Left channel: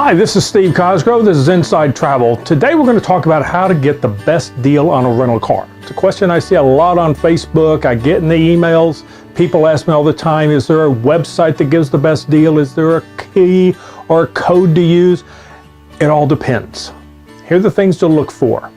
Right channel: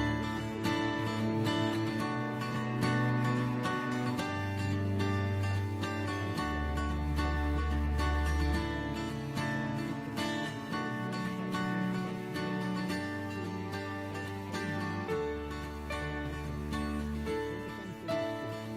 Hi, this is Steve Cosgrove. This is Inside Travel. Today we're going to talk about how to get the best deal on a rental car. It's a question I see a lot on Facebook. I get in the emails. People ask me all the time, is there a website that gives the best deal? Is there a key or a code to use? It all depends. Here are the things to look for.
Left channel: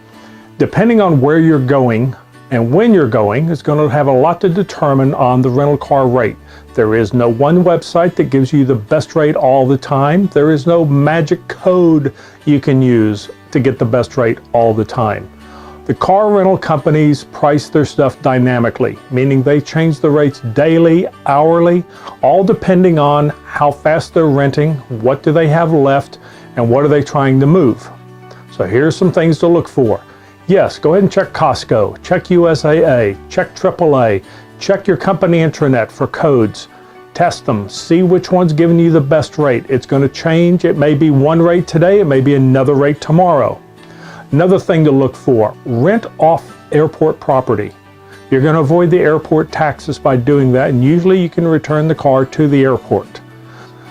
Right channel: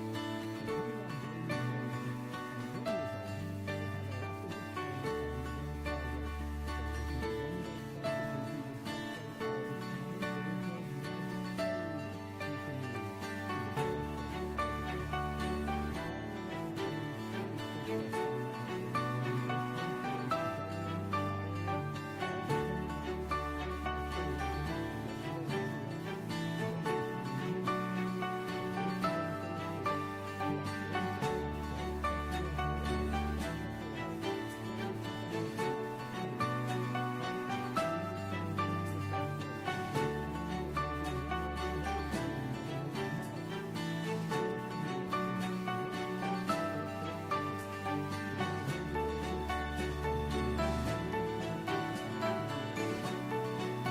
Depending on where you're going and when you're going, it's going to have a lot to determine on the rental car rate. There is no one website that gives you the best rate all the time. There is no magic code you can use to get the best rate all the time. The car rental companies price their stuff dynamically, meaning they change the rates daily, hourly, all depending on how fast they're renting, what do they have left, and what are they trying to move. So here's some things to look for. Yes, go ahead and check Costco, check USAA, check AAA, check your company intranet for codes. Test them, see which one's giving you the best rate. It's going to change. It may be one rate today, it may be another rate tomorrow. Another thing to look for, rent off airport property. You're going to avoid the airport taxes by doing that, and usually you can return the car to the airport.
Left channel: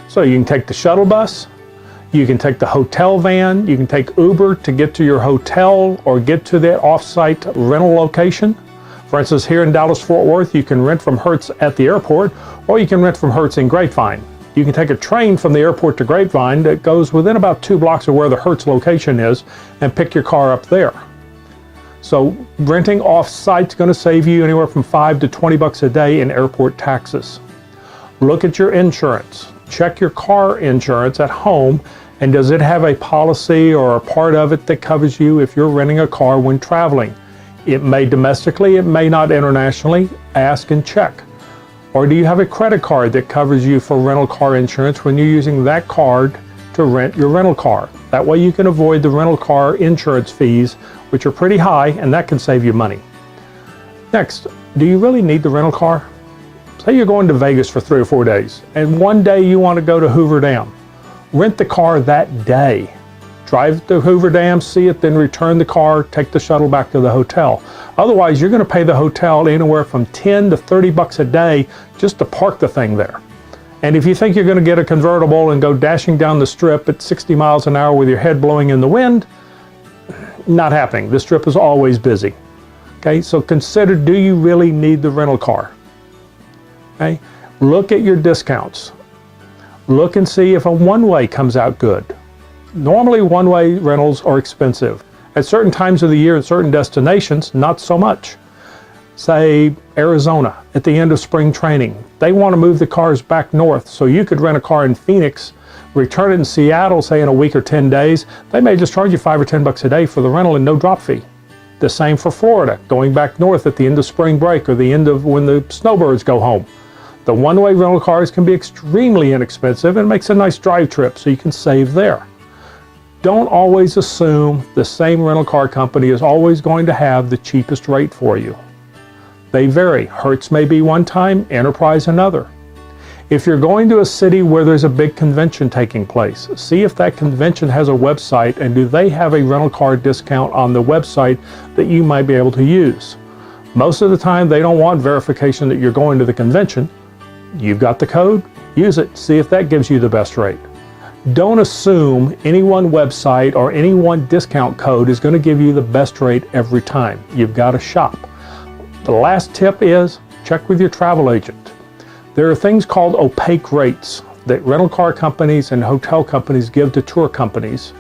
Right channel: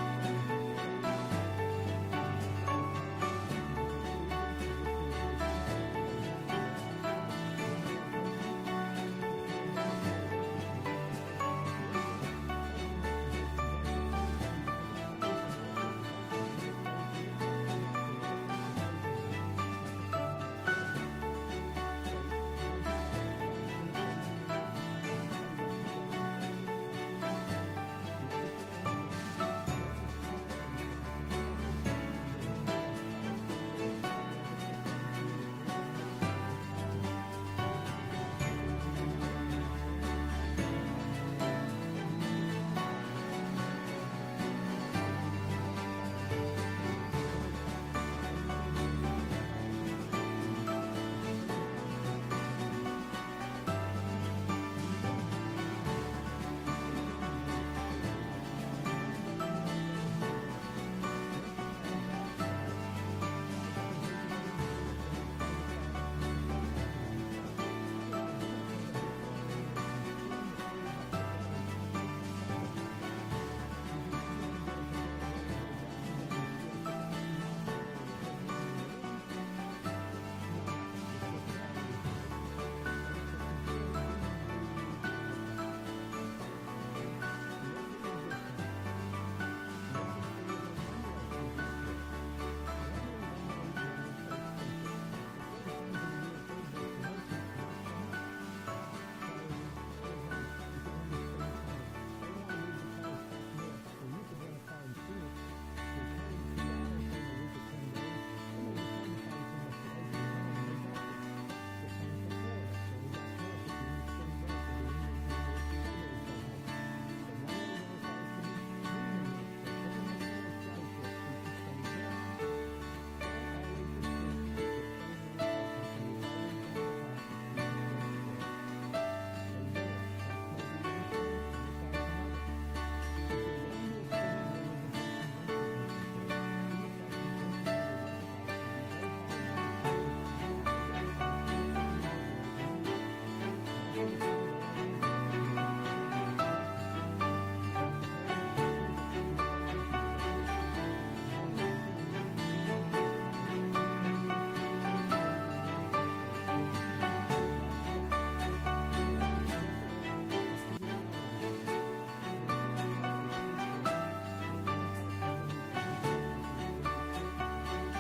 So you can take the shuttle bus, you can take the hotel van, you can take Uber to get to your hotel or get to that off-site rental location. For instance, here in Dallas-Fort Worth, you can rent from Hertz at the airport, or you can rent from Hertz in Grapevine. You can take a train from the airport to Grapevine that goes within about 2 blocks of where the Hertz location is and pick your car up there. So renting off-site is going to save you anywhere from $5 to $20 a day in airport taxes. Look at your insurance. Check your car insurance at home, and does it have a policy or a part of it that covers you if you're renting a car when traveling? It may domestically, it may not internationally. Ask and check. Or do you have a credit card that covers you for rental car insurance when you're using that card to rent your rental car? That way you can avoid the rental car insurance fees, which are pretty high, and that can save you money. Next, do you really need the rental car? Say you're going to Vegas for 3 or 4 days, and one day you want to go to Hoover Dam. Rent the car that day. Drive to Hoover Dam, see it, then return the car, take the shuttle back to the hotel. Otherwise, you're going to pay the hotel anywhere from $10 to $30 a day just to park the thing there. And if you think you're going to get a convertible and go dashing down the strip at 60 miles an hour with your head blowing in the wind, not happening. The strip is always busy. Okay, so consider, do you really need the rental car? Okay, look at your discounts. Look and see if a one-way comes out good. Normally, one-way rentals are expensive. At certain times of the year and certain destinations, not so much. Say Arizona, at the end of spring training, they want to move the cars back north, so you could rent a car in Phoenix, return it in Seattle, say in a week or 10 days. They may just charge you $5 or $10 a day for the rental and no drop fee. The same for Florida, going back north at the end of spring break or the end of when the snowbirds go home. The one-way rental cars can be extremely inexpensive and makes a nice drive trip, so you can save there. Don't always assume the same rental car company is always going to have the cheapest rate for you. They vary. Hertz may be one time, Enterprise another. If you're going to a city where there's a big convention taking place, see if that convention has a website and do they have a rental car discount on the website that you might be able to use. Most of the time they don't want verification that you're going to the convention. You've got the code, use it, see if that gives you the best rate. Don't assume any one website or any one discount code is going to give you the best rate every time. You've got to shop. The last tip is check with your travel agent. There are things called opaque rates that rental car companies and hotel companies give to tour companies.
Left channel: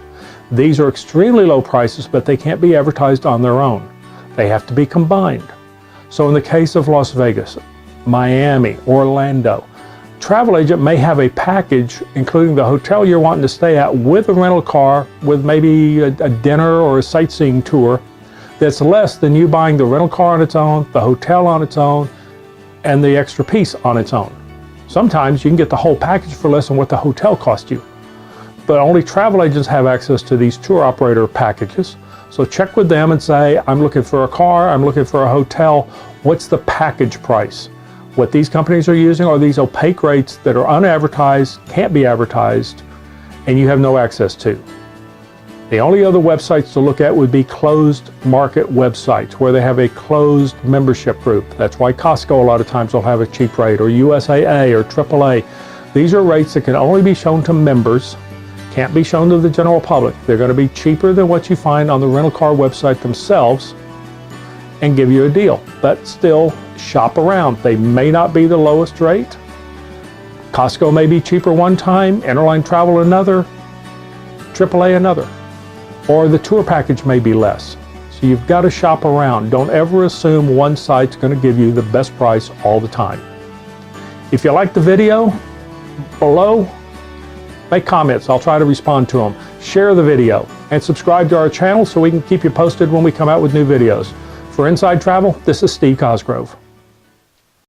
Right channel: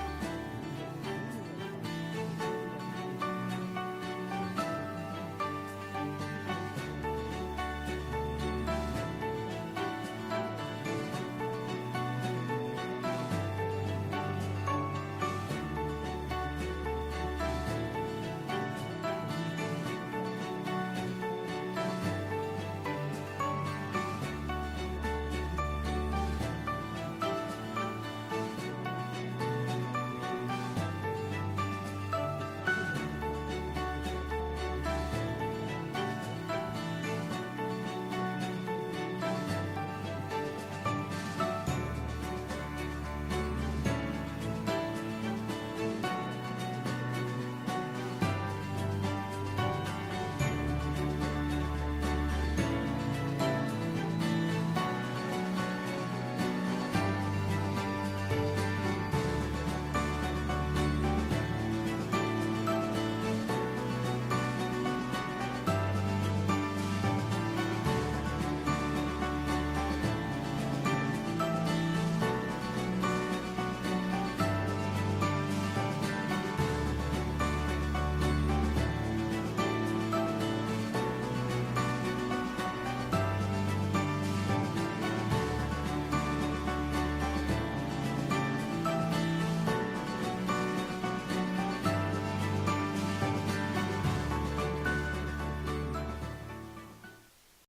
These are extremely low prices, but they can't be advertised on their own. They have to be combined. So in the case of Las Vegas, Miami, Orlando, travel agent may have a package including the hotel you're wanting to stay at with a rental car with maybe a dinner or a sightseeing tour that's less than you buying the rental car on its own, the hotel on its own, and the extra piece on its own. Sometimes you can get the whole package for less than what the hotel cost you. But only travel agents have access to these tour operator packages. So check with them and say, I'm looking for a car, I'm looking for a hotel, what's the package price? What these companies are using are these opaque rates that are unadvertised, can't be advertised, and you have no access to. The only other websites to look at would be closed market websites where they have a closed membership group. That's why Costco a lot of times will have a cheap rate, or USAA or AAA. These are rates that can only be shown to members, Can't be shown to the general public. They're going to be cheaper than what you find on the rental car website themselves and give you a deal. But still, shop around. They may not be the lowest rate. Costco may be cheaper one time, Interline Travel another, AAA another, or the tour package may be less. So you've got to shop around. Don't ever assume one site's going to give you the best price all the time. If you like the video, below, make comments. I'll try to respond to them. Share the video and subscribe to our channel so we can keep you posted when we come out with new videos. For Inside Travel, this is Steve Cosgrove.